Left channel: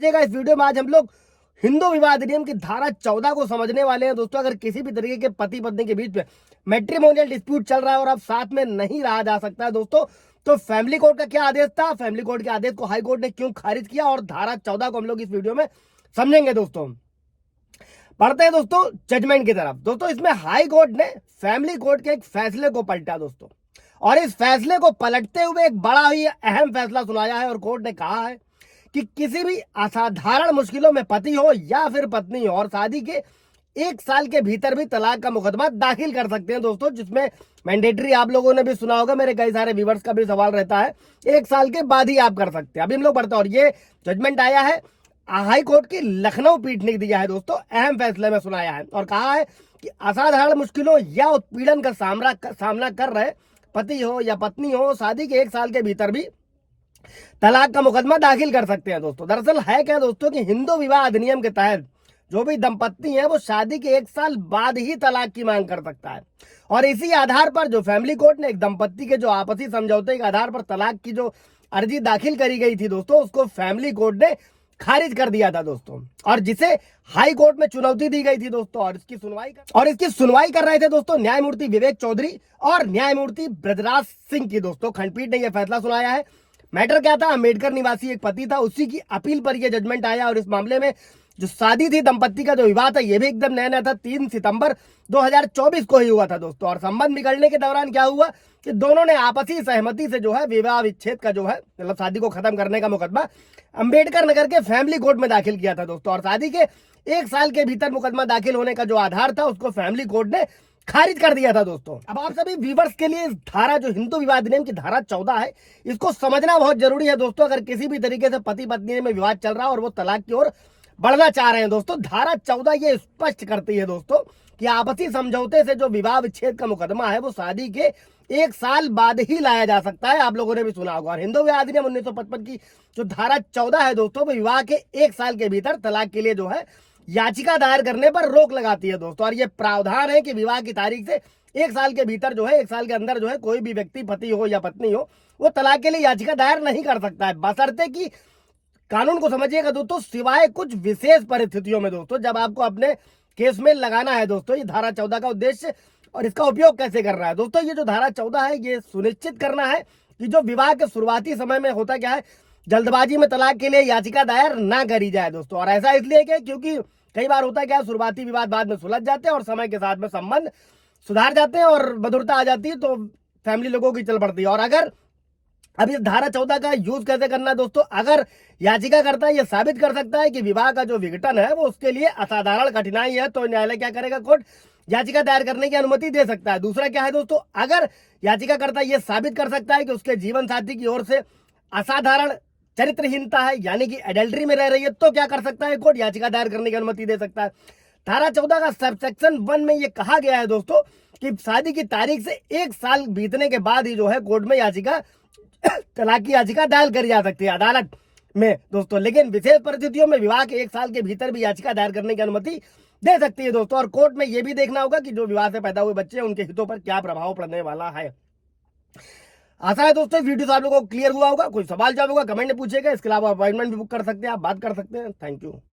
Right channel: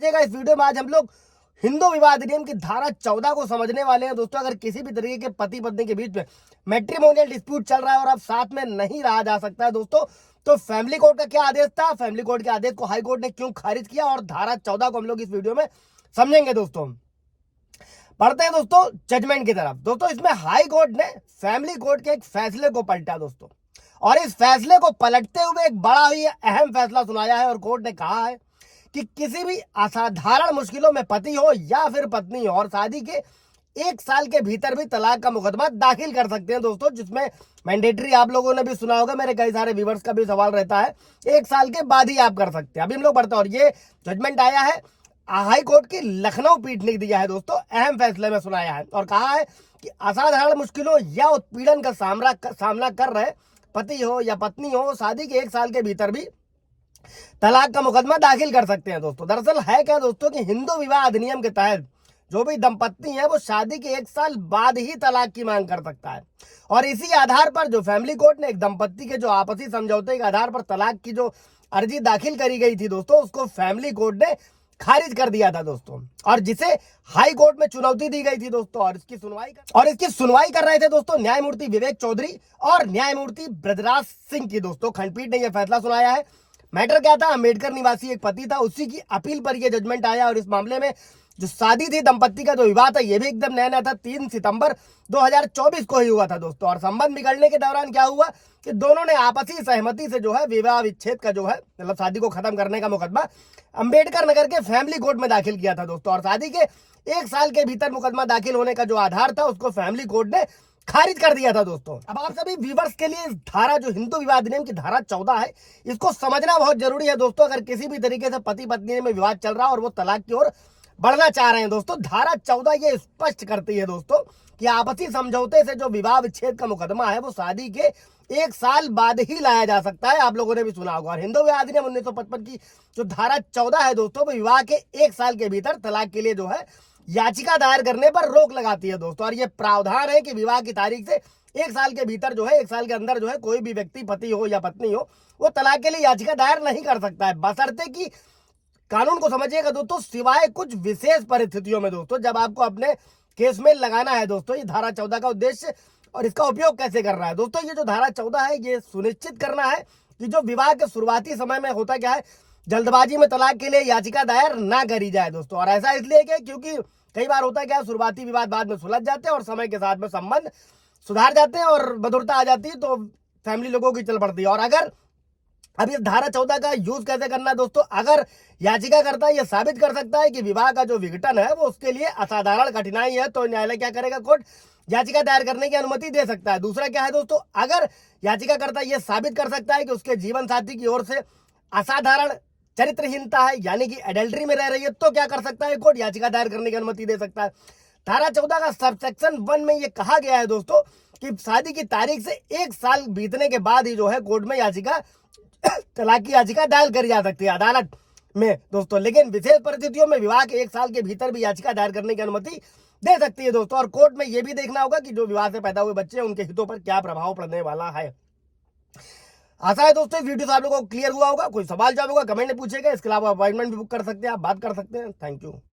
इस वीडियो में आज हम लोग हिंदू विवाह अधिनियम की धारा 14 को समझने वाले हैं दोस्तों। अगर किसी भी तरीके के पति पत्नी के बीच में मैट्रिमोनियल डिस्प्यूट चल रहा है और अब साथ में नहीं रहा जा सकता है दोस्तों, तो फैमिली कोर्ट का क्या आदेश था, फैमिली कोर्ट के आदेश को हाई कोर्ट ने क्यों खारिज किया और धारा 14 को हम लोग इस वीडियो में समझेंगे दोस्तों। पढ़ते हैं दोस्तों जजमेंट की तरफ। दोस्तों इसमें हाई कोर्ट ने फैमिली कोर्ट के एक फैसले को पलटा दोस्तों, और इस फैसले को पलटते हुए एक बड़ा ही अहम फैसला सुनाया है। और कोर्ट ने कहा है कि किसी भी असाधारण मुश्किलों में पति हो या फिर पत्नी हो और शादी के 1 साल के भीतर भी तलाक का मुकदमा दाखिल कर सकते हैं दोस्तों, जिसमें मैंडेटरी आप लोगों ने भी सुना होगा, मेरे कई सारे व्यूवर्स का भी सवाल रहता है 1 साल के बाद ही आप कर सकते हैं। अभी हम लोग बढ़ते हैं और ये जजमेंट आया है हाई कोर्ट की लखनऊ पीठ ने दिया है दोस्तों, अहम फैसले में सुनाया है और कहा है कि असाधारण मुश्किलों या उत्पीड़न का सामना कर रहे पति हो या पत्नी हो शादी के 1 साल के भीतर भी तलाक का मुकदमा दाखिल कर सकते हैं दोस्तों। दरअसल है क्या दोस्तों कि हिंदू विवाह अधिनियम के तहत जो भी दंपत्ति है वो शादी के 1 साल बाद ही तलाक की मांग कर सकता है, और इसी आधार पर जो फैमिली कोर्ट ने एक दंपत्ति के जो आपसी समझौते के आधार पर तलाक की जो अर्जी दाखिल करी गई थी दोस्तों, उसको फैमिली कोर्ट ने खारिज कर दिया था दोस्तों, और जिसे हाई कोर्ट में चुनौती दी गई थी दोस्तों। और इसकी सुनवाई कर रहे थे दोस्तों न्यायमूर्ति विवेक चौधरी और न्यायमूर्ति ब्रजराज सिंह की दोस्तों खंडपीठ ने यह फैसला सुनाया है। मैटर क्या था, अम्बेडकर निवासी एक पति था, उसी की अपील पर यह जजमेंट आया, और इस मामले में जो शादी थी दंपत्ति का जो विवाह था ये भी एकदम नया नया था, 3 सितंबर 2024 को ही हुआ था दोस्तों। और संबंध बिगड़ने के दौरान क्या हुआ कि दोनों ने आपसी सहमति से जो है विवाह विच्छेद का जो है मतलब शादी को खत्म करने का मुकदमा अम्बेडकर नगर के फैमिली कोर्ट में दाखिल किया था दोस्तों, और शादी के 1 साल के भीतर मुकदमा दाखिल होने का जो आधार था उसको फैमिली कोर्ट ने खारिज कर दिया था दोस्तों। अब आप सभी व्यूवर्स के लिए इस धारा जो हिंदू विवाह अधिनियम की धारा 14 है इसको समझना बहुत जरूरी है दोस्तों। अगर किसी भी तरीके से पति पत्नी में विवाद चल रहा है और वो तलाक की ओर बढ़ना चाह रहे हैं दोस्तों, धारा 14 ये स्पष्ट करती है दोस्तों कि आपसी समझौते से जो विवाह विच्छेद का मुकदमा है वो शादी के 1 साल बाद ही लाया जा सकता है। आप लोगों ने भी सुना होगा। और हिंदू विवाह अधिनियम 1955 की जो धारा 14 है दोस्तों, वो विवाह के 1 साल के भीतर तलाक के लिए जो है याचिका दायर करने पर रोक लगाती है दोस्तों। और ये प्रावधान है कि विवाह की तारीख से 1 साल के भीतर जो है 1 साल के अंदर जो है कोई भी व्यक्ति पति हो या पत्नी हो वो तलाक के लिए याचिका दायर नहीं कर सकता है, बशर्ते कि कानून को समझिएगा दोस्तों, सिवाय कुछ विशेष परिस्थितियों में दोस्तों, जब आपको अपने केस में लगाना है दोस्तों। ये धारा 14 का उद्देश्य और इसका उपयोग कैसे कर रहा है दोस्तों, ये जो धारा 14 है ये सुनिश्चित करना है कि जो विवाह के शुरुआती समय में होता क्या है, जल्दबाजी में तलाक के लिए याचिका दायर ना करी जाए दोस्तों। और ऐसा इसलिए कि क्योंकि कई बार होता क्या है, शुरुआती विवाद बाद में सुलझ जाते हैं और समय के साथ में संबंध सुधार जाते हैं और मधुरता आ जाती है, तो फैमिली लोगों की चल पड़ती है। और अगर अब इस धारा 14 का यूज कैसे करना दोस्तों, अगर याचिकाकर्ता ये साबित कर सकता है कि विवाह का जो विघटन है वो उसके लिए असाधारण कठिनाई है, तो न्यायालय क्या करेगा, कोर्ट याचिका दायर करने की अनुमति दे सकता है। दूसरा क्या है दोस्तों, अगर याचिकाकर्ता ये साबित कर सकता है कि उसके जीवन साथी की ओर से असाधारण चरित्रहीनता है, यानी कि एडल्ट्री में रह रही है, तो क्या कर सकता है, कोर्ट याचिका दायर करने की अनुमति दे सकता है। धारा 14 का सबसेक्शन 1 में ये कहा गया है दोस्तों कि शादी की तारीख से 1 साल बीतने के बाद ही जो है कोर्ट में याचिका तलाक की याचिका दायर करी जा सकती है अदालत में दोस्तों, लेकिन विशेष परिस्थितियों में विवाह के 1 साल के भीतर भी याचिका दायर करने की अनुमति दे सकती है दोस्तों। और कोर्ट में यह भी देखना होगा कि जो विवाह से पैदा हुए बच्चे उनके हितों पर क्या प्रभाव पड़ने वाला है। आशा है दोस्तों इस वीडियो से आप लोगों को क्लियर हुआ होगा। कोई सवाल जवाब होगा कमेंट में पूछेगा, इसके अलावा अपॉइंटमेंट भी बुक कर सकते हैं, आप बात कर सकते हैं। Thank you.